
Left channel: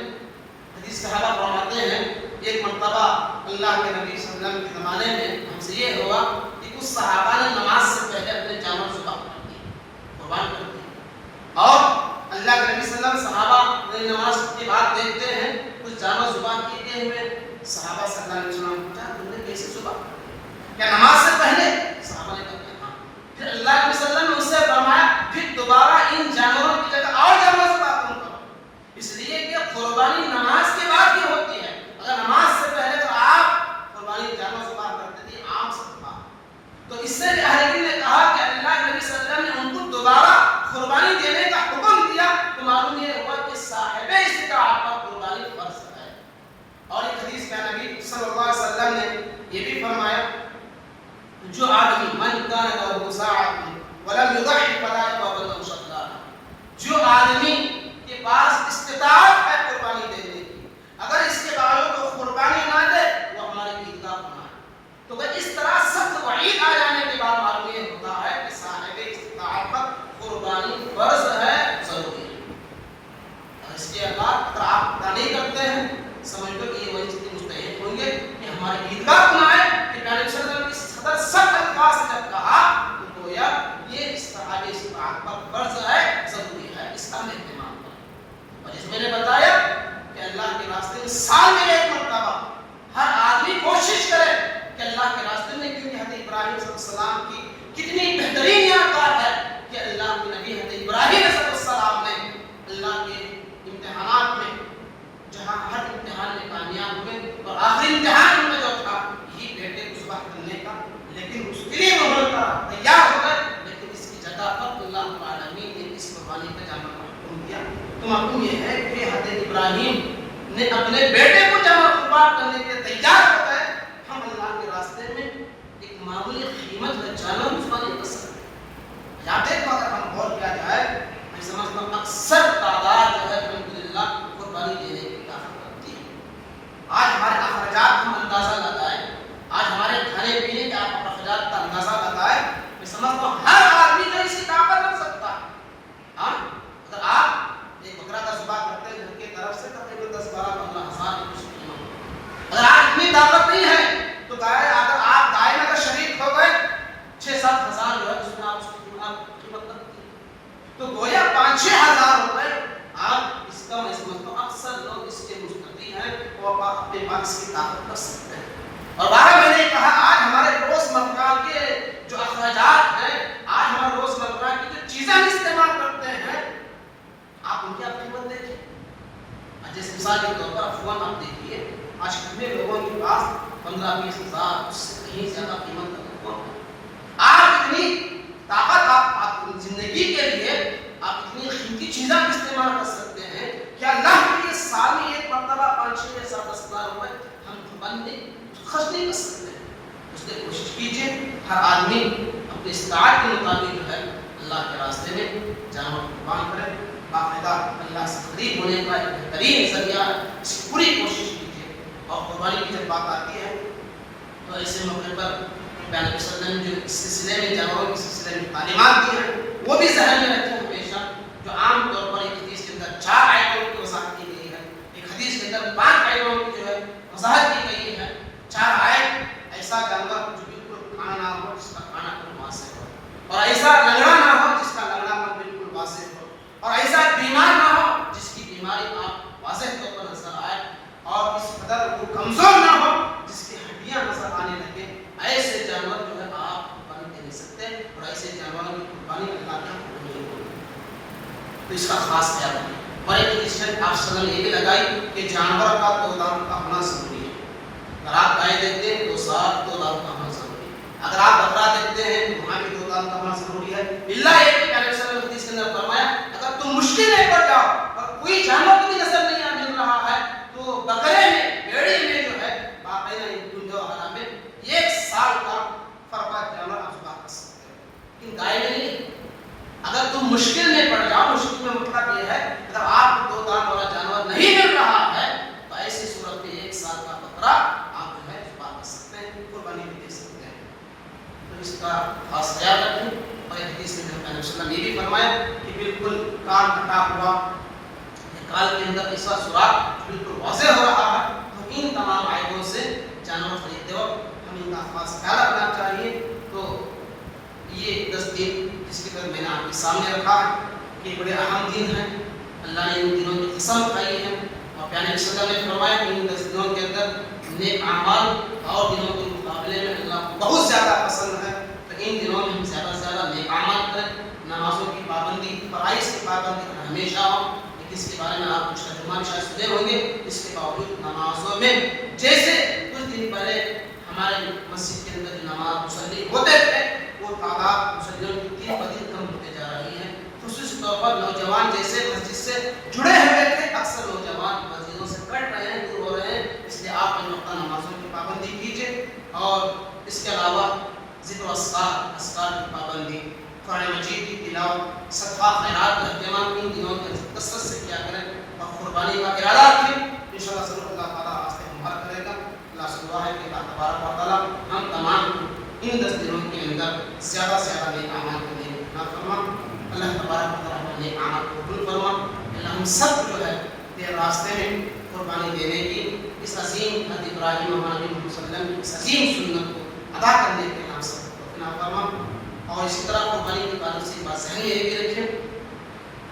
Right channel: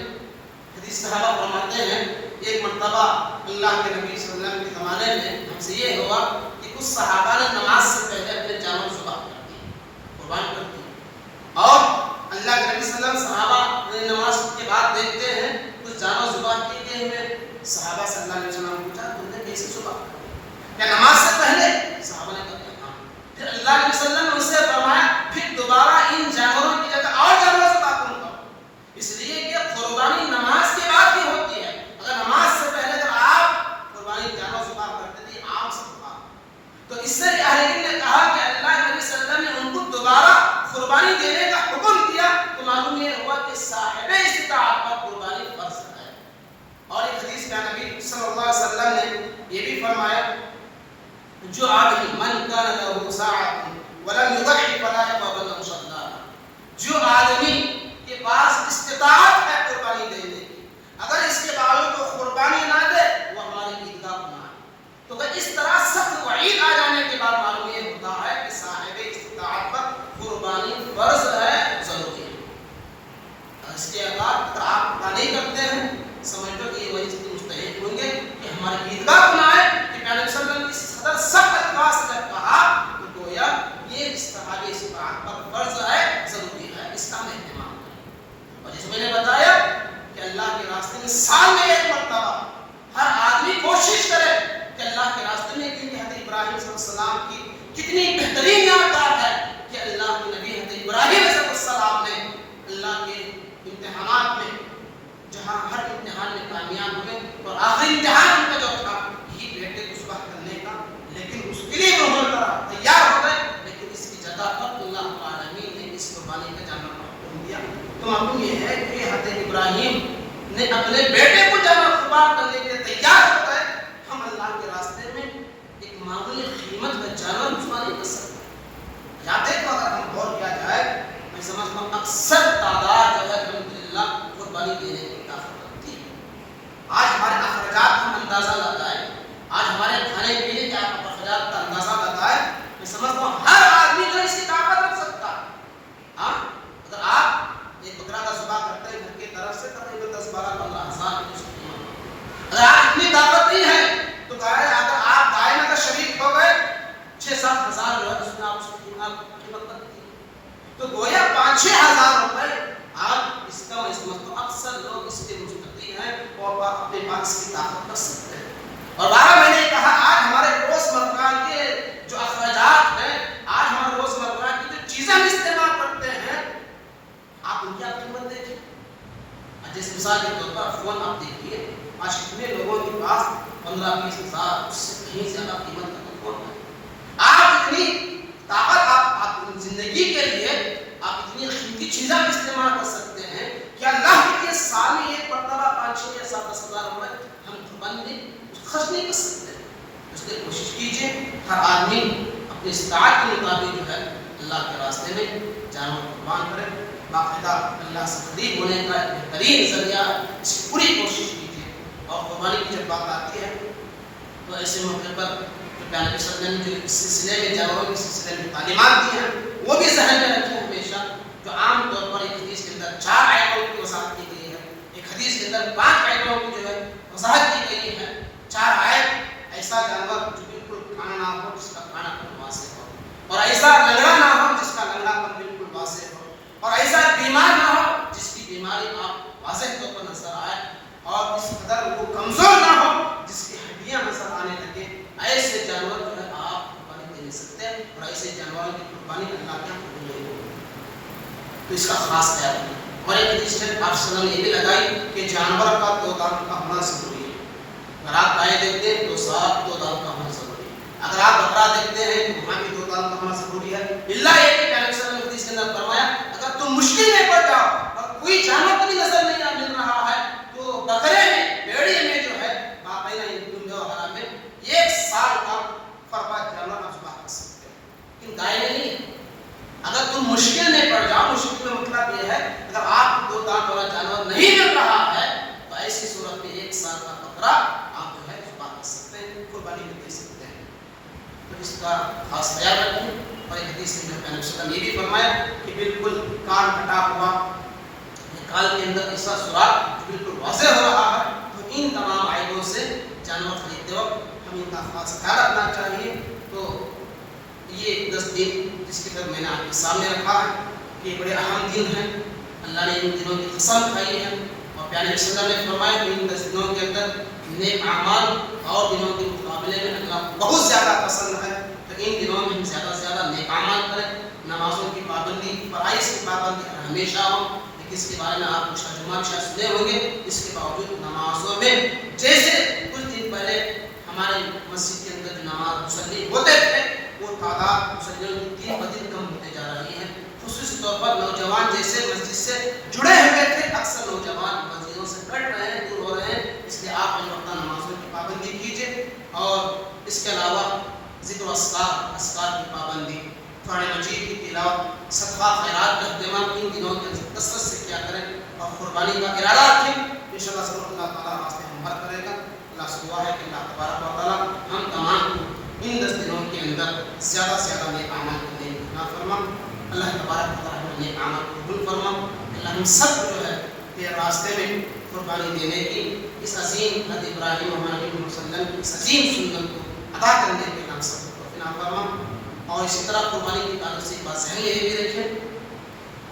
حدیث صحابہ فرماتے ہیں ایک مرتبہ اللہ کے نبی صلی اللہ علیہ وسلم کے زمانے میں ہم سے یہ ہوا کہ کچھ صحابہ نے نماز سے پہلے اپنے جانور ذبح کر دیے، قربان کر دیے، اور اللہ کے نبی صلی اللہ علیہ وسلم صحابہ نے نماز کے بعد دیکھتے ہیں کچھ جانور ذبح کیے گئے ہوئے، صحابہ صلی اللہ علیہ وسلم نے پوچھا تم نے کیسے ذبح کیا؟ کیا نماز سے پہلے؟ صحابہ نے کہا ہاں۔ پھر اللہ کے نبی صلی اللہ علیہ وسلم نے ان سے فرمایا پھر دوبارہ ان جانوروں کی جگہ اور جانور ذبح تم کرو، اس لیے کہ قربانی نماز کے بعد ہی ہوتی ہے، اگر نماز سے پہلے تو آپ قربانی جانور ذبح کرتے تھے عام سے ذبح، تو اس سے اہل علم نے کہا کہ اللہ کے نبی صلی اللہ علیہ وسلم نے ان کو دوبارہ قربانی دینے کا حکم دیا تو معلوم یہ ہوا کہ صاحب استطاعت پر قربانی فرض ہے۔ اور ایک حدیث میں نبی صلی اللہ علیہ وسلم نے یہ بھی فرمایا جو آدمی من کان له ساعۃ ولم یضحی فلا يقرب له صدقہ، جو آدمی کے پاس استطاعت ہے قربانی دینے کی، اگر اس کے باوجود وہ قربانی نہ دے وہ ہمارے عیدگاہ گناہ ہے۔ تو اس طرح سخت وعید آ جانے کے بعد معلوم یہ ہوتا ہے کہ صاحب استطاعت پر قربانی فرض ہے، ضروری ہے۔ اور اس کے اگر آپ نہیں کرتے ہیں سمجھ لو کہ یہ وہی مستحق ہوں گے کہ ہمارے عیدگاہ گناہ ہے کہ پیغمبر صلی اللہ علیہ وسلم کی صدر سخت الفاظ سے جب کہا تو گویا یہ صاحب استطاعت پر فرض ہے، ضروری ہے، اس کا اہتمام کریں۔ اور جس میں نے بتایا کہ اللہ کے راستے میں سال میں ایک مرتبہ ہر آدمی کوشش کرے کہ اللہ کے راستے میں، کیونکہ حضرت ابراہیم صلی اللہ علیہ وسلم کی کتنی بہترین یادگار ہے کہ اللہ کے نبی حضرت ابراہیم علیہ السلام نے اللہ کے امتحانات میں جہاں ہر امتحان میں کامیاب ہوئے اور آخری امتحان ان کا جو تھا یہی بیٹے کو ذبح کرنے کا، لیکن اس کے لیے وہ تیار ہو گئے، لیکن اس کی جگہ پر اللہ العالمین نے اس قربانی کا جانور کا حکم دیا۔ تو معلوم یہ ہے کہ حضرت ابراہیم نے اپنے بیٹے کو جانور قربان کرنے کے لیے تیار ہو گئے، ہم اللہ کے راستے میں ایک معمولی قیمت کا جانور قربان نہیں کر سکتے۔ یاد ہے کہ اگر ہم غور کیا جائے میں سمجھتا ہوں اکثر تعداد جو ہے الحمدللہ قربانی دینے کی طاقت رکھتی ہے۔ آج ہمارے اخراجات ہم اندازہ لگائیں، آج ہمارے کھانے پینے کے اخراجات کا اندازہ لگائیں، میں سمجھتا ہوں ہر آدمی جو اس کی طاقت رکھ سکتا ہے۔ ہاں اگر آپ ایک بکرا کا ذبح کرتے ہیں گھر کی طرف سے تقریباً 10-12-15 ہزار کی قیمت، اگر آپ اتنی طاقت نہیں ہے تو اگر آپ گائے میں اگر شریک ہو گئے 6-7 ہزار جو ہے اس میں آپ اس کی قیمت کرتی ہے، تو گویا 5-6 ہزار روپے آپ اس کا میں سمجھتا ہوں اکثر لوگ اس کے مستقی ہیں اور اپنے پاس کی طاقت کر سکتے ہیں۔ اور بارہ میں نے کہا آج ہمارے روزمرہ کے جو اخراجات ہیں، آج ہمارے روزمرہ کی جو چیزیں ہم استعمال کرتے ہیں، آپ ان کی آپ قیمت دیکھیں۔ جیسے مثال کے طور پر فون آپ دیکھیے، آج کتنے لوگوں کے پاس 15-20 ہزار اس سے کہیں زیادہ قیمت کا فون ہے۔ آپ اتنی طاقت آپ زندگی کے لیے آپ اتنی قیمتی چیزیں استعمال کر سکتے ہیں کہ اللہ کے لیے سال میں ایک مرتبہ 5-6-7-10 ہزار روپے ہم قربانی خرچ نہیں کر سکتے۔ اس لیے کوشش کیجیے ہر آدمی اپنی استطاعت کے مطابق جو ہے اللہ کے راستے میں جانور قربان کرے، باقاعدہ اللہ سے قریب ہونے کا ایک بہترین ذریعہ ہے، اس کی پوری کوشش کیجیے۔ اور قربانی کی جب بات آتی ہے تو ایسے موقع پر پیغمبر صلی اللہ علیہ وسلم نے جو اس سلسلے میں جانوروں کے سلسلے میں تعلیمات دی ہیں وہ بھی ذہن میں رکھیں ہمیشہ، جو عام طور پر ایک حدیث کے اندر 4 آیتوں کی وضاحت کی گئی ہے، ایک حدیث کے اندر 5 آیتوں کی جو ہے وضاحت کی گئی ہے۔ 4 آیت ایسا جانور جو بالکل کھانا نہ ہو جس کا کھانا بالکل واضح ہو، اور ایسا لنگڑا نہ ہو جس کا لنگڑا پن بالکل واضح ہو، اور ایسا بیمار نہ ہو جس کی بیماری آپ واضح طور پر نظر آئے، اور اس قدر وہ کمزور نہ ہو جس کی ہڈیاں نظر آنے لگے، ایسے جانور جو ہے آپ قربانی دے نہیں سکتے، اور ایسے جانوروں کی قربانی اللہ کے حق میں نہیں ہوگی، تو اس کا خاص خیال رکھیں۔ اور ایک حدیث شریف آپ صلی اللہ علیہ وسلم نے یہ بھی لگائی کہ جانور کا 2 دانت کا ہونا ضروری ہے۔ اگر آپ گائے دیکھتے ہیں تو 2 دانت کا ہونا ضروری ہے، اگر آپ بکرا دیکھتے ہیں تو وہاں بھی 2 دانت کا ہونا ضروری ہے، اللہ یہ کہ پیغمبر صلی اللہ علیہ وسلم نے حدیث کے اندر فرمایا اگر تم مشکل میں پڑ جاؤ اور کوئی جانور بھی نظر نہیں مل رہا ہے تو بکرے میں، بھیڑی میں جو ہے باقاعدہ دنیا وغیرہ میں 1 سال کا فرقہ جانور آپ ذبح کر سکتے ہیں، لیکن گائے میں نہیں۔ اگر تم مشکل میں پڑ جاؤ، مشکل میں مطلب یہ ہے اگر آپ کو 2 دانت والا جانور نہیں مل رہا ہے تو ایسی صورت میں 1 سال کا بکرا آپ جو ہے ذبح کر سکتے ہیں، قربانی بھی دے سکتے ہیں۔ تو اس کا خاص خیال رکھیں۔ اور ایک حدیث میں نبی صلی اللہ علیہ وسلم نے یہ بھی فرمایا کہ بالکل کان کٹا ہوا، کان کے اندر ایسا سوراخ بالکل واضح ہو رہا ہے، تو ان تمام خاص خیال رکھنا چاہیے. تو یہ 10 دن جس کی طرف میں نے آپ کے سامنے رکھا ہے یہ بڑے اہم دن ہیں. اللہ نے ان دنوں کی قسم کھائی ہے اور پیارے صلی اللہ نے فرمایا کہ ان 10 دنوں کے اندر نیک اعمال اور دنوں کے مقابلے میں اللہ کو بہت زیادہ پسند ہے. تو ان دنوں میں ہم زیادہ سے زیادہ نیک اعمال کریں. نمازوں کی پابندی، فرائض کی پابندی ہمیشہ ہو. لیکن اس کے بارے میں آپ کچھ ترجمہ بھی شاید سنے ہوں گے. اس کے باوجود نمازوں میں جیسے کچھ دن پہلے ہمارے مسجد کے اندر جو نماز مصلی ہوتے تھے وہ تعداد مصلیوں کی دن بدن کم ہوتے جا رہی ہے. خصوصی طور پر نوجوان جیسے مسجد سے جڑے ہوئے تھے اکثر نوجوان مسجدوں سے کٹ رہے ہیں، دور ہو رہے ہیں. اس لیے آپ وقتہ نمازوں کی پابندی کیجیے. اور اس کے علاوہ ذکر و اذکار کی پابندی، قرآن مجید کی تلاوت، صدقہ خیرات کا اہتمام ان دنوں کے کثرت سے کیا کریں اور قربانی کا ارادہ رکھیں. انشاءاللہ ضرور اللہ تعالیٰ راستے ہموار کرے گا. اللہ سے دعا ہے کہ اللہ تبارک و تعالیٰ ہم تمام ان 10 دنوں کے اندر زیادہ سے زیادہ نیک اعمال کرنے کی بنا فرما. اللہ تبارک و تعالیٰ نیک اعمال کو قبول فرما. اللہ ہم سب جو ہے یہ راستے میں قربانی دینے کی اس عظیم حضرت ابراہیم و نبی محمد صلی اللہ علیہ وسلم کی اس عظیم سنت کو ادا کرنے کے نام سے توفیق عطا فرما. اور اسی طرح قربانی کی تعلق سے بات ذہن میں یہ بھی رکھیں،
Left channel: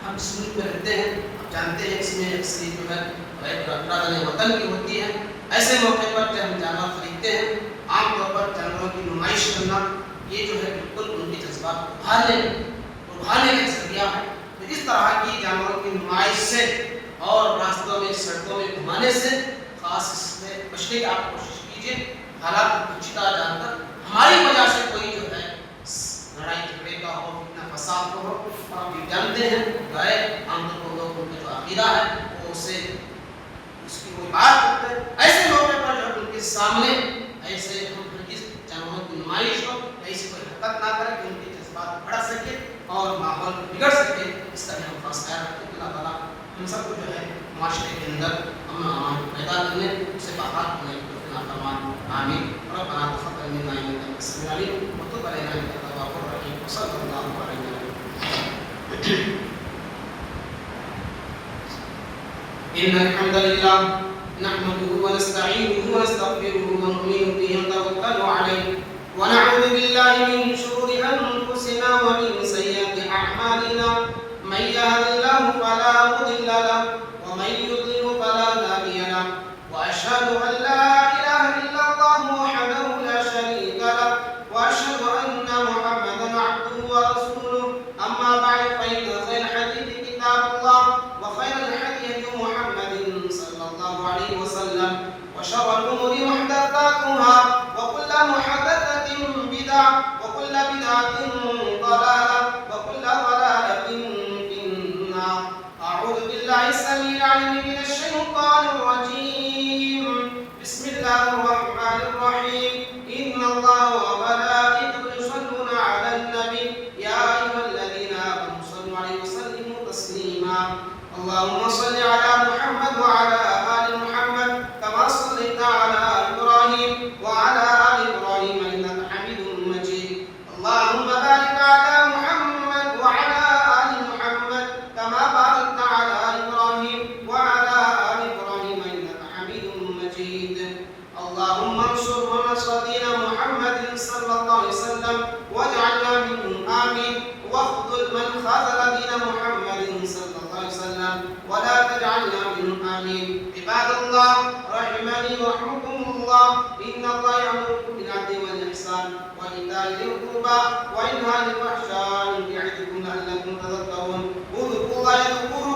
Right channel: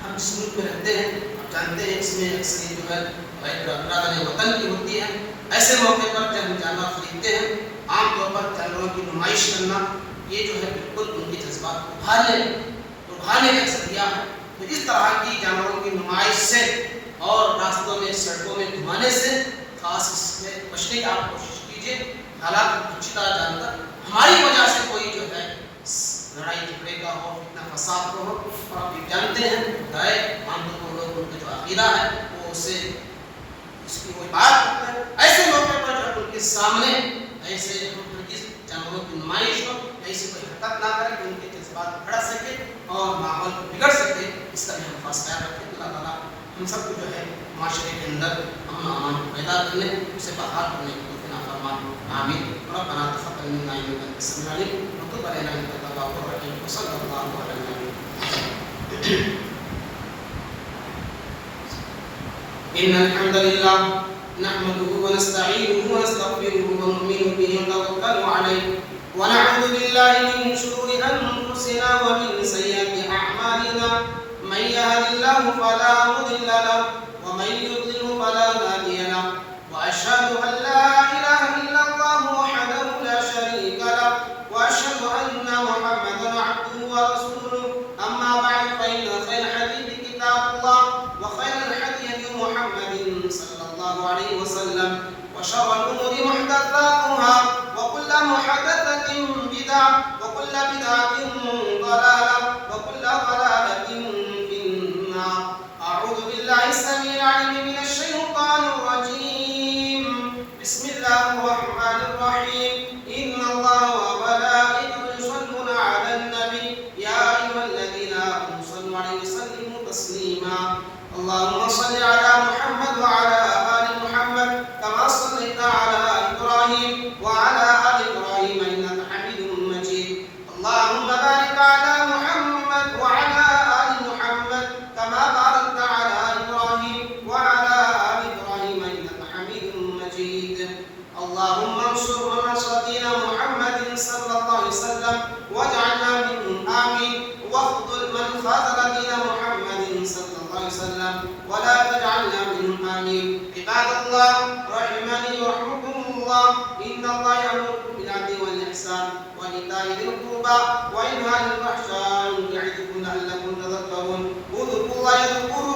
ہم اس ملک میں رہتے ہیں، آپ جانتے ہیں اس میں اکثر جو ہے ارادہ وطن کی ہوتی ہے. ایسے موقع پر جب ہم جانور خریدتے ہیں عام طور پر جانوروں کی نمائش کرنا یہ جو ہے بالکل ان کے جذبات کو ابھارنے کا ذریعہ ہے. تو اس طرح کی جانوروں کی نمائش سے اور راستوں میں سڑکوں میں گھمانے سے خاص اس میں بچنے کی آپ کوشش کیجیے. حالات اچھی طرح جان کر ہماری وجہ سے کوئی جو ہے لڑائی جھگڑے کا ہو، فتنہ فساد کا ہو. آپ یہ جانتے ہیں گائے عام طور پر لوگ ان کا جو عقیدہ ہے وہ اسے اس کی کوئی بات کرتے ہیں. ایسے موقع پر جو ان کے سامنے ایسے ہرگز جانوروں کی نمائش ہو، ایسی کوئی حرکت نہ کرے کہ ان کے جذبات بڑھ سکے اور ماحول بگڑ سکے. اس کا بھی ہم خاص خیال رکھیں. اللہ تعالیٰ ہم سب کو جو ہے معاشرے کے اندر امن و امان پیدا کرنے، اسے بحال کرنے کی توفیق عطا فرما. آمین. ربنا تقبل منا انك انت السميع العليم وتب علينا انك انت التواب الرحيم. وصلى الله على النبي. ان الحمد لله نحمده ونستعينه ونستغفره ونؤمن به ونتوكل عليه ونعوذ بالله من شرور انفسنا ومن سيئات اعمالنا. من يهد الله فلا مضل له ومن يضلل فلا هادي له. واشهد ان لا اله الا الله وحده لا شريك له واشهد ان محمدا عبده ورسوله. اما بعد فان خير الحديث كتاب الله وخير الهدي محمد صلى الله عليه وسلم وشر الامور محدثاتها وكل محدثه بدعه وكل بدعه ضلاله وكل ضلاله في النار. اعوذ بالله السميع العليم من الشيطان الرجيم. بسم الله الرحمن الرحيم. ان الله وملائكته يصلون على النبي يا ايها الذين امنوا صلوا عليه وسلموا تسليما. اللهم صل على محمد وعلى ال محمد كما صليت على ابراهيم وعلى ال ابراهيم انك حميد مجيد. اللهم بارك على محمد وعلى ال محمد كما باركت على ابراهيم وعلى ال ابراهيم انك حميد مجيد. اللهم انصر ونصر دين محمد صلى الله عليه وسلم واجعلنا منهم. آمين. واخذل من خذل دين محمد صلى الله عليه وسلم ولا تجعلنا منهم. آمين. عباد الله رحمني ورحمكم الله. إن الله يأمركم بالعدل والإحسان وإيتاء ذي القربى وينهى عن الفحشاء يعظكم لعلكم تذكرون. اذكروا الله يذكركم